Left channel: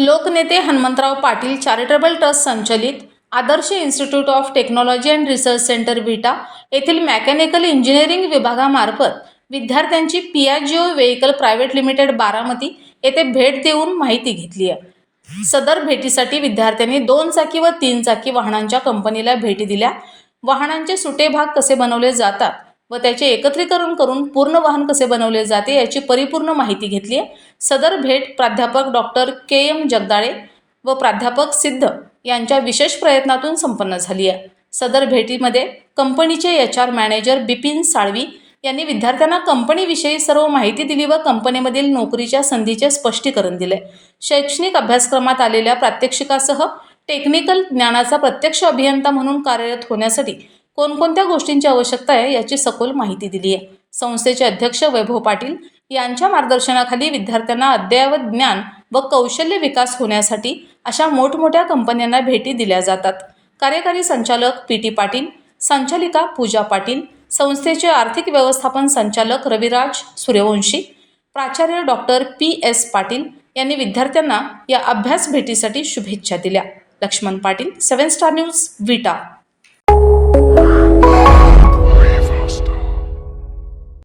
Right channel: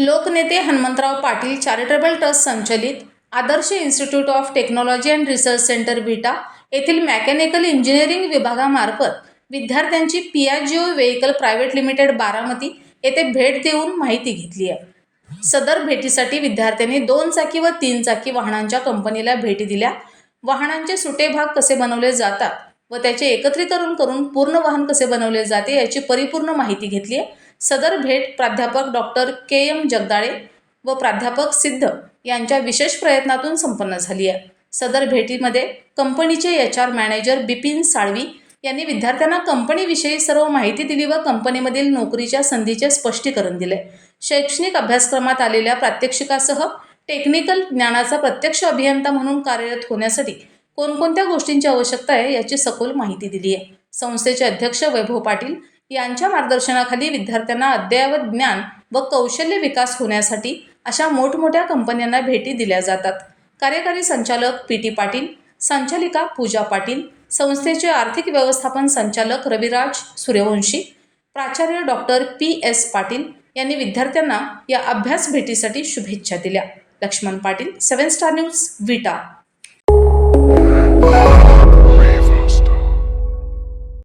लोकनेते Hanumantrao Patil charitable trust संचलित Adarsh institute of technology and research centre Vita येथील mechanical engineering विभागामार्फत विद्यार्थ्यांची Piaggio vehicle private limited Baramati येथे भेट देऊन माहिती घेतली आहे. सदर भेटीसाठी विद्यार्थ्यांनी दोन चाकी व तीन चाकी वाहनांच्या कंपनीला भेटी दिल्या. वाहनांचे सुटे भाग कसे बनवले जातात व त्याचे एकत्रीकरण करून पूर्ण वाहन कसे बनवले जाते याची परिपूर्ण माहिती घेतली आहे. सदर भेट प्राध्यापक डॉक्टर के एम जगदाळे व प्राध्यापक सिद्ध यांच्या विशेष प्रयत्नातून संपन्न झाली आहे. सदर भेटीमध्ये कंपनीचे H R manager Bipin Salvi यांनी विद्यार्थ्यांना कंपनीविषयी सर्व माहिती दिली व कंपनीमधील नोकरीच्या संधीचे स्पष्टीकरण दिले. शैक्षणिक अभ्यासक्रमात आलेल्या प्रात्यक्षिकासह टेक्निकल ज्ञानाचा प्रत्यक्ष अभियंता म्हणून कार्यरत होण्यासाठी कोणकोणत्या गोष्टींची आवश्यकता आहे याची सखोल माहिती दिली आहे. संस्थेचे अध्यक्ष वैभव पाटील यांच्या मार्गदर्शनाखाली विद्यार्थ्यांना अद्ययावत ज्ञान व कौशल्य विकास होण्यासाठी अशा मोठमोठ्या कंपन्यांना भेटी दिल्या जातात. कार्यकारी संचालक पी टी पाटील संचालिका पूजा पाटील संस्थेचे आर्थिक व्यवस्थापन संचालक रविराज सूर्यवंशी प्राचार्य डॉक्टर पी एस पाटील यांनी विद्यार्थ्यांना या अभ्यास भेटीसाठी शुभेच्छा दिल्या. Laxman Patil seven star news Vita.